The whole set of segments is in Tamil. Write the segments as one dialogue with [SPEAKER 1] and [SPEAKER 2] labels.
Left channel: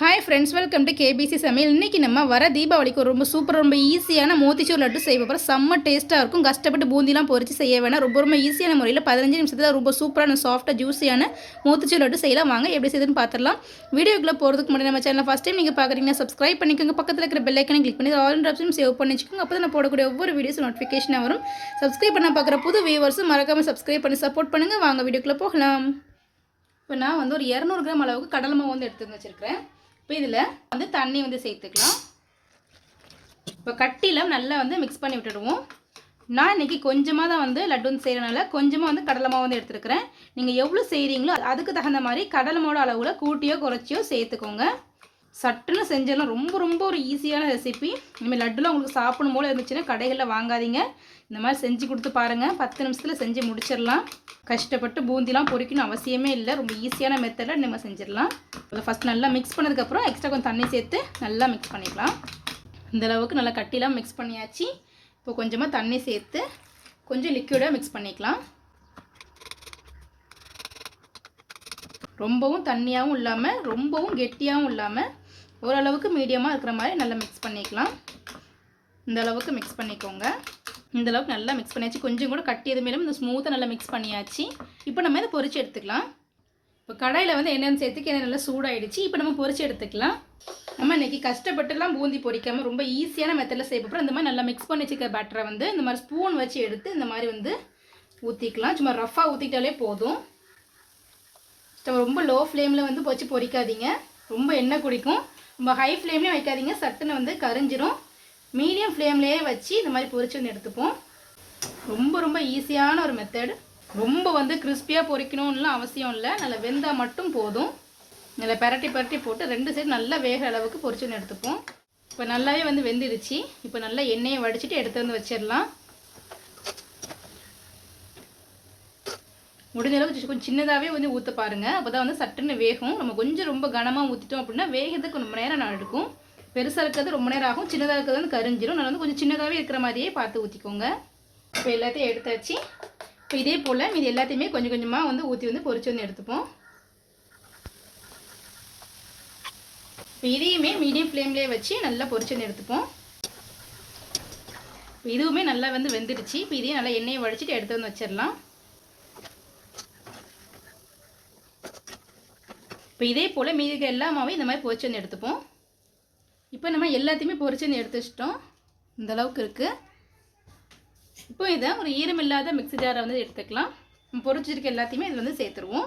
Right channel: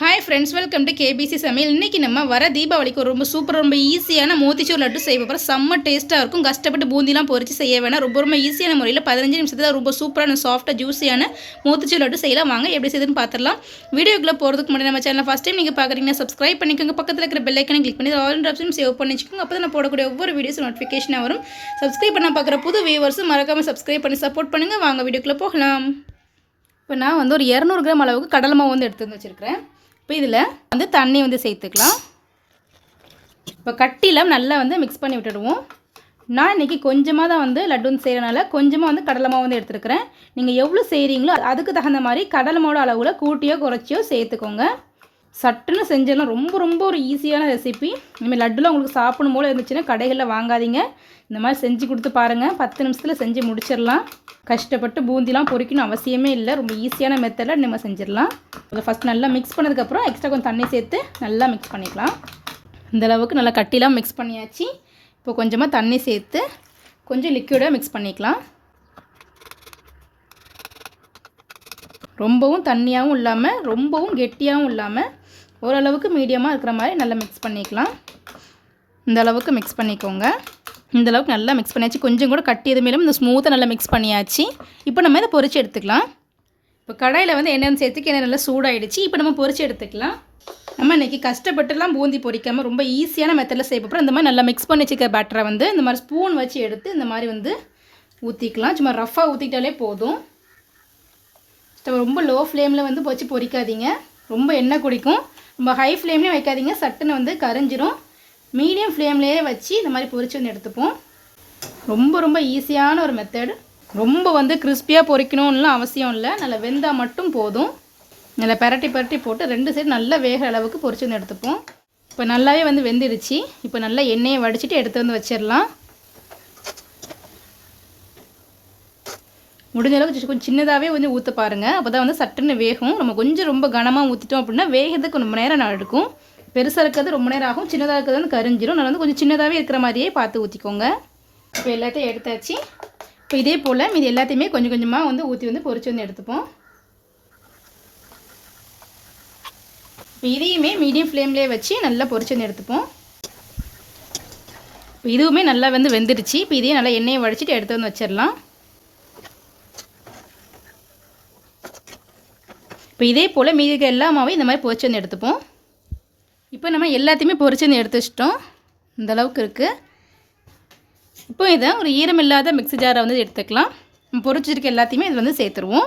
[SPEAKER 1] Hi friends welcome to KBC சமையல் இன்றைக்கி நம்ம வர தீபாவளிக்கு ஒரு ரொம்ப சூப்பர் ரொம்ப ஈஸியான மோத்திச்சூர் லட்டு செய்ய போகிறோம் செம்ம டேஸ்ட்டாக இருக்கும். கஷ்டப்பட்டு பூந்திலாம் பொறிச்சு செய்ய வேணாம். ரொம்ப ரொம்ப ஈஸியான முறையில் பதினஞ்சு நிமிஷத்தில் ரொம்ப சூப்பரான சாஃப்ட்டாக ஜூஸியான மோத்திச்சூர் லட்டு செய்யலாம். வாங்க எப்படி செய்யுதுன்னு பார்த்துடலாம் வீடியோக்குள்ளே போகிறதுக்கு முன்னாடி நம்ம சேனல் ஃபஸ்ட் டைம் நீங்கள் பார்க்குறீங்கன்னா சப்ஸ்கிரைப் பண்ணிக்கோங்க. பக்கத்தில் இருக்கிற பெல்லைக்கனை கிளிக் பண்ணி ஆல் ஆப்ஷன் சேவ் பண்ணி வச்சுக்கோங்க. அப்போ நான் போடக்கூடிய ஒவ்வொரு வீடியோஸும் நோட்டிஃபிகேஷனாக வரும். சப்ஸ்கிரைப் பண்ண பார்க்குற புது வியூவர்ஸும் மறக்காமல் சப்ஸ்கிரைப் பண்ணி சப்போர்ட் பண்ணுங்கள் வாங்க வீடியோக்குள்ளே போகலாம். இப்போ நான் வந்து ஒரு இரநூறு கிராம் அளவுக்கு கடலை மாவு வந்து எடுத்து வந்து வச்சுருக்கிறேன். இப்போ இதில் வந்து தண்ணி வந்து சேர்த்துக்கலாம். இப்போ கட்டியில் நல்லா வந்து மிக்ஸ் பண்ணி விட்டுடுவோம். நான் இன்றைக்கி கொஞ்சமாக தான் வந்து லட்டு வந்து செய்கிறனால கொஞ்சமாக வந்து கடலை மாவு வந்து எடுத்துருக்கிறேன். நீங்கள் எவ்வளோ செய்கிறீங்களோ அதுக்கு தகுந்த மாதிரி கடலை மாவோட அளவில் கூட்டியோ குறைச்சியோ சேர்த்துக்கோங்க. சட்டுன்னு செஞ்சிடலாம் ரொம்ப ரொம்ப ஒரு ஈஸியான ரெசிபி இனிமேல் லட்டுலாம் உங்களுக்கு சாப்பிடும் போல இருந்துச்சுன்னா கடைகளில் வாங்காதீங்க. இந்த மாதிரி செஞ்சு கொடுத்து பாருங்கள் பத்து நிமிஷத்தில் செஞ்சு முடிச்சிடலாம். கஷ்டப்பட்டு பூந்திலாம் பொரிக்கணும் அவசியமே இல்லை. ரொம்ப ஈஸியான மெத்தடில் நம்ம செஞ்சிடலாம். அதை ஃபஸ்ட் நல்லா மிக்ஸ் பண்ணதுக்கப்புறம் எக்ஸ்ட்ரா கொஞ்சம் தண்ணி சேர்த்து நல்லா மிக்ஸ் பண்ணிக்கலாம். இந்த அளவுக்கு நல்லா கட்டிலாம் மிக்ஸ் பண்ணியாச்சு. இப்போ கொஞ்சமாக தண்ணி சேர்த்து கொஞ்சம் லிக்விடாக மிக்ஸ் பண்ணிக்கலாம். ரொம்பவும் தண்ணியாகவும் இல்லாமல் ரொம்பவும் கெட்டியாகவும் இல்லாமல் ஓரளவுக்கு மீடியமாக இருக்கிற மாதிரி நல்லா மிக்ஸ் பண்ணிக்கலாம். இந்த அளவுக்கு மிக்ஸ் பண்ணிக்கோங்க. இந்த அளவுக்கு நல்லா மிக்ஸ் பண்ணியாச்சு. கொஞ்சம் கூட கட்டி எதுவுமே இல்லாமல் இந்த ஸ்மூத்தாக நல்லா மிக்ஸ் பண்ணியாச்சு. இப்போ நம்ம இதை பொறிச்சு எடுத்துக்கலாம். இப்போ கடையில் வந்து என்னென்னு சேர்த்துக்கு என்ன நல்லா சூடாயிடுச்சு. இப்போ நம்ம பொரிச்சு எடுத்துக்கலாம். நம்ம இன்றைக்கி கஷ்டப்பட்டுலாம் பூந்தி பொரிக்காமல் ரொம்ப ஈஸியான மெத்தடில் செய்ய இந்த மாதிரி நல்லா மிக்ஸ் பண்ணி வச்சுக்க பேட்டரை வந்து இந்த மாதிரி ஸ்பூன் வச்சு எடுத்து இந்த மாதிரி வந்து ஊற்றிக்கலாம் சும்மா ரஃப்பாக ஊற்றிட்டாலே போதும். ரொம்ப லோ ஃப்ளேமில் வந்து வச்சு பொரிக்காதீங்க ரொம்ப எண்ணெய் குடிக்கும். ரொம்ப ஹை ஃப்ளேம்லேயும் வைக்காதீங்க. சட்டுன்னு வந்து கரைஞ்சிரும். மீடியம் ஃப்ளேம்லேயே வச்சு இந்த மாதிரி பொரிச்சு வந்து எடுத்துப்போம். ரொம்ப ரொம்ப ஈஸியான ஒரு மெத்தடு ரொம்ப வந்து கிறிஸ்பியாக பொரிக்கணும்லாம் அவசியம் இல்லை. நல்லா வெந்தால் மட்டும் போதும். நல்லா பெரட்டி பெரட்டி போட்டு ரெண்டு சைடு நல்லா வேகிற அளவுக்கு பொரிச்சு வந்து எடுத்துப்போம். இப்போ நல்லாவே வந்து வெந்துடுச்சு. இப்போ நல்லா எண்ணெயை வடிச்சிட்டு எடுத்து வந்து வச்சிடலாம். முடிஞ்ச அளவுக்கு கொஞ்சம் சின்னதாகவே வந்து ஊற்ற பாருங்கள் அப்போ தான் வந்து சட்டுன்னு வேகும். நம்ம கொஞ்சம் ரொம்ப கனமாக ஊற்றிட்டோம் அப்படின்னா வேகிறதுக்கு ரொம்ப நேரம் நான் எடுக்கும். பெருசாக இருக்கிறது ரொம்ப நேரம் ஆகும். சின்னதாக இருக்கிறது வந்து கரிஞ்சிடும் நான் வந்து கொஞ்சம் சின்னதாகவே இருக்கிற மாதிரியே பார்த்து ஊற்றிக்கோங்க இப்போ எல்லாத்தையும் எடுத்தாச்சு. இப்போ இதே போல் மீதி எல்லாத்தையுமே கொஞ்சம் கொஞ்சமாக வந்து ஊற்றி வந்து பொறிச்சு வந்து எடுத்துப்போம். இப்போ இதையுமே மீடியம் ஃப்ளேம்லேயே வச்சு நல்லா பொறிச்சு வந்து எடுத்துப்போம். இப்போ இதுவுமே நல்லா வந்து வெந்துடுச்சு. இப்போ இதையும் நல்லா எண்ணெயை வடிச்சிட்டு எடுத்து வந்து வச்சிடலாம். இப்போ இதே போல் மீதி எல்லா மாவையும் இந்த மாதிரி பொரிச்சு வந்து எடுத்துப்போம். இப்போ நம்ம எல்லாத்தையுமே பொரிச்சு வந்து எடுத்து வச்சிட்டோம் இந்த அளவுக்கு இருக்குது இப்போ இதை ஒரு ஈரம் இல்லாத மிக்ஸி ஜாரை வந்து எடுத்துக்கலாம். பொரிச்சிருக்க எல்லாத்தையுமே இது வந்து சேர்த்துருவோம்.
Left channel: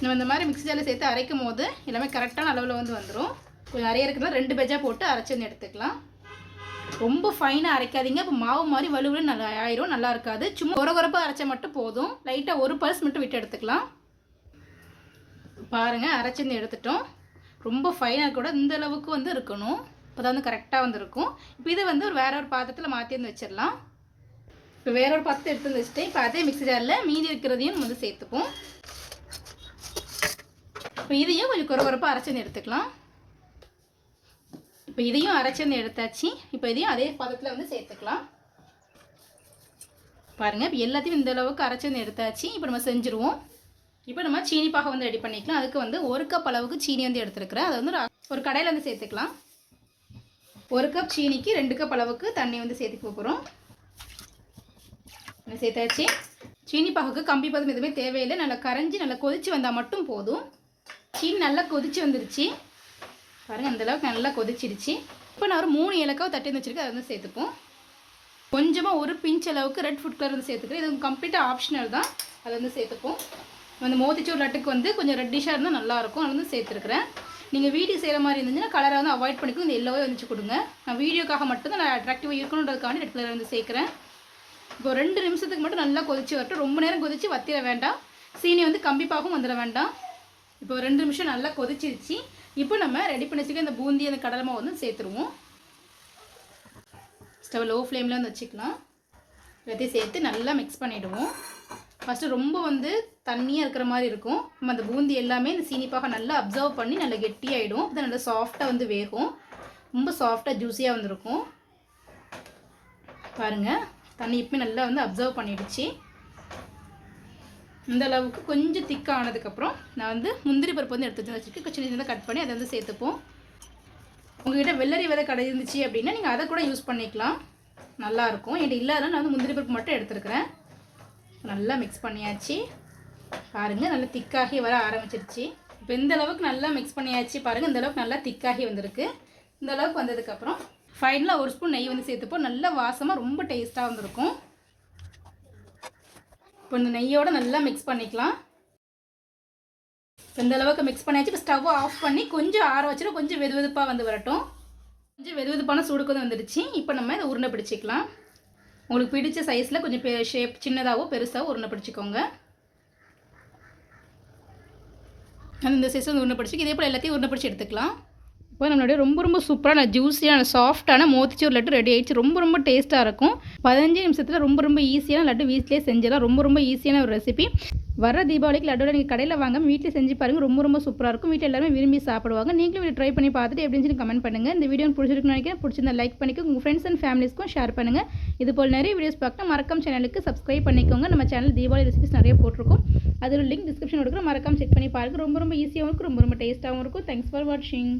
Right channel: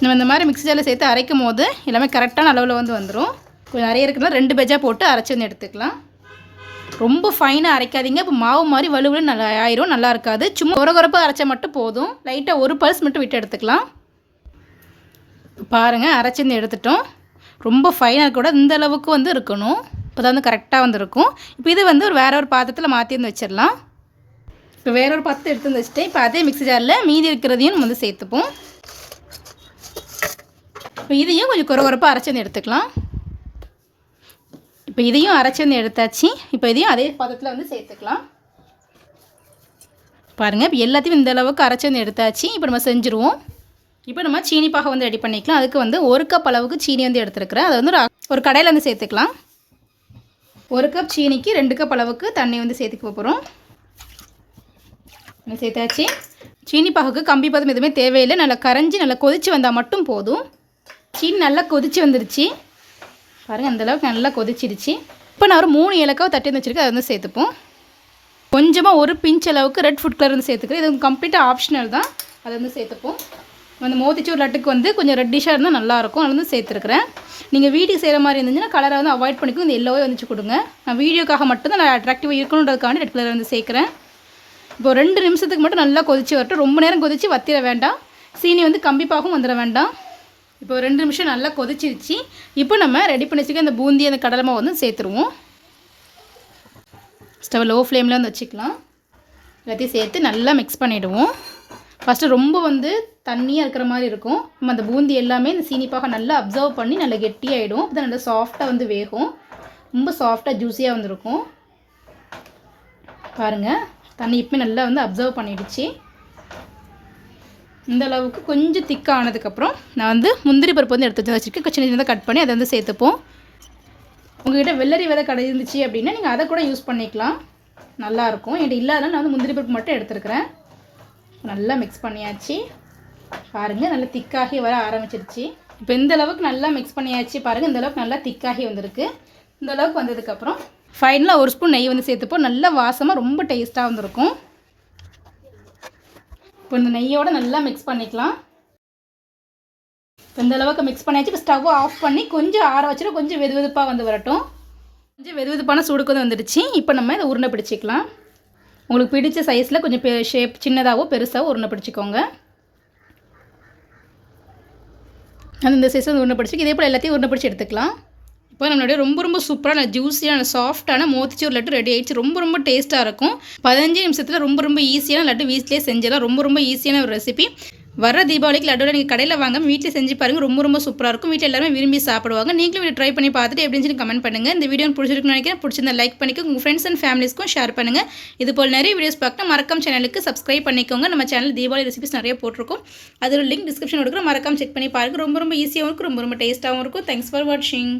[SPEAKER 1] நம்ம இந்த மாதிரி மிக்ஸி ஜாரில் சேர்த்து அரைக்கும் போது எல்லாமே கரெக்டான அளவில் வந்து வந்துடும் கொஞ்சம் நிறைய இருக்குன்னா ரெண்டு பெஜா போட்டு அரைச்சி வந்து எடுத்துக்கலாம். ரொம்ப ஃபைனாக அரைக்காதீங்க. இப்போ மாவு மாதிரி வலுவில் நல்லா ஆயிரும். நல்லா இருக்காது. சும்மா குறகுறப்பாக அரைச்சா மட்டும் போதும். லைட்டாக ஒரு பல்ஸ் மட்டும் விட்டு எடுத்துக்கலாம். பாருங்கள் அரைச்சிருந்து எடுத்துட்டோம். ரொம்ப ஃபைனாக கூட இந்த அளவுக்கு வந்து இருக்கணும். இப்போ தான் வந்து கரெக்டாக வந்து இருக்கும். இப்போ இது வந்து ஒரு வேற ஒரு பாத்திரத்தில் மாற்றி வந்து வச்சிடலாம். இப்போ வேற ஒரு பாத்திரத்தை எடுத்து வந்து வச்சுட்டேன். இப்போ அதே மிக்ஸி ஜாரில் மீதி இருக்கிறதையும் நம்ம வந்து சேர்த்துப்போம். இப்போ இதையும் கொஞ்சம் குறகுறப்பாக அரைச்சி வந்து எடுத்துக்கலாம். இப்போ இதையும் அரைச்சி வந்து எடுத்தாச்சு. இப்போ இதையும் அதே பாத்திரத்தில் வந்து சேர்த்துக்கலாம். பாருங்கள் இப்போ எல்லாத்தையும் இந்த அளவுக்கு அரைச்சி வந்து எடுத்தாச்சு. இப்போ நம்ம செஞ்சுருவோம். இப்போ நம்ம சீனி பாகை வந்து ரெடி பண்ணிக்கலாம். அதுக்கு வந்து ஒரு கப் அளவுக்கு சீனி வந்து எடுத்துருக்கிறேன். அதை வந்து ஒரு ஒரு கடையில் வந்து சேர்த்துக்கலாம். ஒரு கப் சீனிக்கு ரெண்டு கப் அளவுக்கு தண்ணி வந்து சேர்த்துக்க போகிறோம் சேர்த்தாச்சு. சீனி பாகுக்கு கம்பி பதம் எதுவுமே தேவையில்லை. நல்லா கரைஞ்சி நல்லா கொதித்து வந்தால் மட்டும் போதும். சீனி நல்லா கொதித்து வந்துருச்சு. பாருங்கள் அந்தளவுக்கு நல்லா கொதிச்சிருச்சு. இப்போ நான் ஒரு மூணு ஏலக்காவை தட்டி வந்து வச்சுருக்கேன். அதை வந்து சேர்த்துப்போம். கொஞ்சமாக ஒரு பிஞ்ச் அளவுக்கு ரெட் ஃபுட் கலர் வந்து சேர்த்துக்கிறேன். இது கம்ப்ளீட்டாக ஆப்ஷனல் தான். அதை வந்து சேர்த்துப்போம். அந்த மோத்திச்சூர் லட்டுக்கு வந்து கொஞ்சம் ரெட்டிஷாக இருந்தால் நல்லாயிருக்கும் அது வந்து சேர்த்துருக்குறேன். நீங்கள் வீட்டுக்கு செய்கிற மாதிரி இருந்துச்சுன்னா கலரை வந்து அவாய்ட் பண்ணிக்கோ இந்த எல்லோவே வந்துச்சு கொடுங்க நான் வீடியோக்காக மட்டும்தான் நான் அட்ராக்டிவாக இருக்கணுன்றதுக்காண்டி ரெட் கலர் வந்து சேர்க்குறேன். இப்போ ரெண்டு நிமிஷத்துக்கு மட்டும் நல்லா கொதிச்சு வரட்டும். ரொம்ப நேரம் கொதித்து வத்திர வேண்டாம். சீனி வந்து கம்பிப்பாகவும் வந்துட வேண்டாம். இப்போ ரெண்டு நிமிஷம் நல்லா கொதிச்சிருச்சு. இப்போ நம்ம ரெடி பண்ணி வச்சுக்க அந்த பூந்தி அந்த கடலமாக வந்து சேர்த்துருவோம். ஸ்டவ் லோ ஃப்ளேமில் வந்து வச்சுக்கலாம். எல்லாத்தையும் சேர்த்து நல்லா மிக்ஸ் பண்ணிவிடுவோம் ஃபஸ்ட்டு ரொம்ப வந்து தண்ணியாக இருக்கிற மாதிரி இருக்கும். நம்ம அந்த பூந்தி எல்லாமே இந்த சீனிப்பாக நல்லா அப்சர்வ் பண்ணி நல்லா கெட்டியாகிடும் அப்போ நல்லா சாஃப்டாக வந்து வேகும். ரொம்ப சாஃப்டாக ஜூஸியாக வந்துருக்கும். பாருங்கள் தண்ணி இப்போ நல்லா வந்து அப்சர்வ் பண்ணிடுச்சு. இந்த அளவுக்கு கொஞ்சம் திக்காக ஆனதுக்கப்புறம் நான் வந்து முந்திரி பருப்பு வந்து எடுத்து வச்சுருக்கேன். சின்ன சின்னதாக கட் பண்ணி அதை வந்து சேர்த்துப்போம். உங்கள்கிட்ட வெள்ளரி விதை கடை இருந்துச்சு அப்படின்னா நீங்கள் அதை கூட யூஸ் பண்ணிக்கலாம். நல்லாயிருக்கும் என்கிட்ட இல்லாதனால நான் வந்து முந்திரி பருப்பு மட்டும் எடுத்துருக்கிறேன். நல்லா மிக்ஸ் பண்ணியாச்சு. பாருங்கள் நல்லா திக்காகி வர ஆரம்பிச்சிருச்சு. இப்போ இந்த அளவுக்கு நல்லா மிக்ஸ் பண்ணியாச்சு. பாருங்கள் இந்த அளவுக்கு நல்லா திக்காகி வந்திருக்கு. இந்த அளவுக்கு வந்ததுக்கப்புறம் ஃபைனலாக ஒரு ஸ்பூன் நெய் வந்து சேர்த்துப்போம் நல்லா வாசமாக ரொம்ப டேஸ்ட்டாக வந்திருக்கும். இப்போ இந்த நெய்யோடு நல்லா மிக்ஸ் பண்ணிக்கலாம். இப்போ இந்த அளவுக்கு மிக்ஸ் பண்ணியாச்சு. இப்போ ஸ்டவ் ஆஃப் பண்ணி கொஞ்சம் ஆற வச்சுட்டு கொஞ்சம் வெது வெதுப்பாக வந்து வரட்டும். கொஞ்சம் வெது வெதுப்பான சூடுக்கு வந்து வந்துடுச்சு. இப்போ நம்ம இதை உருண்டை பிடிச்சிக்கலாம். உங்களுக்கு பிடிச்ச சைஸில் கொஞ்சம் பெ ஷேப் சின்னதாகவோ பெருசாகவோ உருண்டை பிடிச்சிக்கோங்க. அது இந்த சைஸில் வந்து உருண்டை பிடிச்சி இதே போல் எல்லாத்தையும் உருண்டை பிடிச்சி எடுத்துக்கலாம். இப்போ நம்மளுடைய ரொம்ப ரொம்ப சூப்பரான ஜூஸியான சாஃப்டான மோத்திச்சூர் லட்டு ரெடி ஆகிடுச்சு ரொம்ப ரொம்ப டேஸ்ட்டாக இருக்கும். பதினஞ்சு நிமிஷத்தில் ரொம்ப ரொம்ப ஈஸியான லட்டு வீட்லேயே செஞ்சிடலாம். ரொம்ப ரொம்ப ஈஸியான ஒரு ரெசிபி வர தீபாவளிக்கு லட்டோட நீங்கள் கடையில் வாங்க வீட்டில் செஞ்சு பாருங்கள் ரொம்ப ரொம்ப சூப்பராக இருக்கும். வீட்டில் எல்லாருமே விரும்பி சாப்பிடுவாங்க. நீங்களும் இதை ட்ரை பண்ணி பார்த்துட்டு எப்படின்னு சொல்லி கமெண்ட் பண்ணுங்கள் இந்த வீடியோ பிடிச்சிருக்குன்னு நினைக்கிறேன். பிடிச்சிருந்தா லைக் பண்ணிக்கோ உங்கள் ஃப்ரெண்ட்ஸ் அண்ட் ஃபேமிலிஸ்க்கும் ஷேர் பண்ணுங்கள் இது போல் நிறைய வீடியோஸ் பார்க்க மறக்காம சேனலுக்கு சப்ஸ்கிரைப் பண்ணிக்கோங்க. நம்ம சேனல் தீபாவளி ரெசிபிஸ் நிறைய போட்டிருக்கோம். அதில் லிங்க் டிஸ்கிரிப்ஷன் கொடுக்குறோம். மறக்காம செக் பண்ணி பாருங்கள் ரொம்ப ரொம்ப ஈஸியாகவும் இருக்கும். ரொம்ப ரொம்ப டேஸ்ட்டாகவும் இருக்கும். தேங்க்ஸ் ஃபார் வாட்சிங்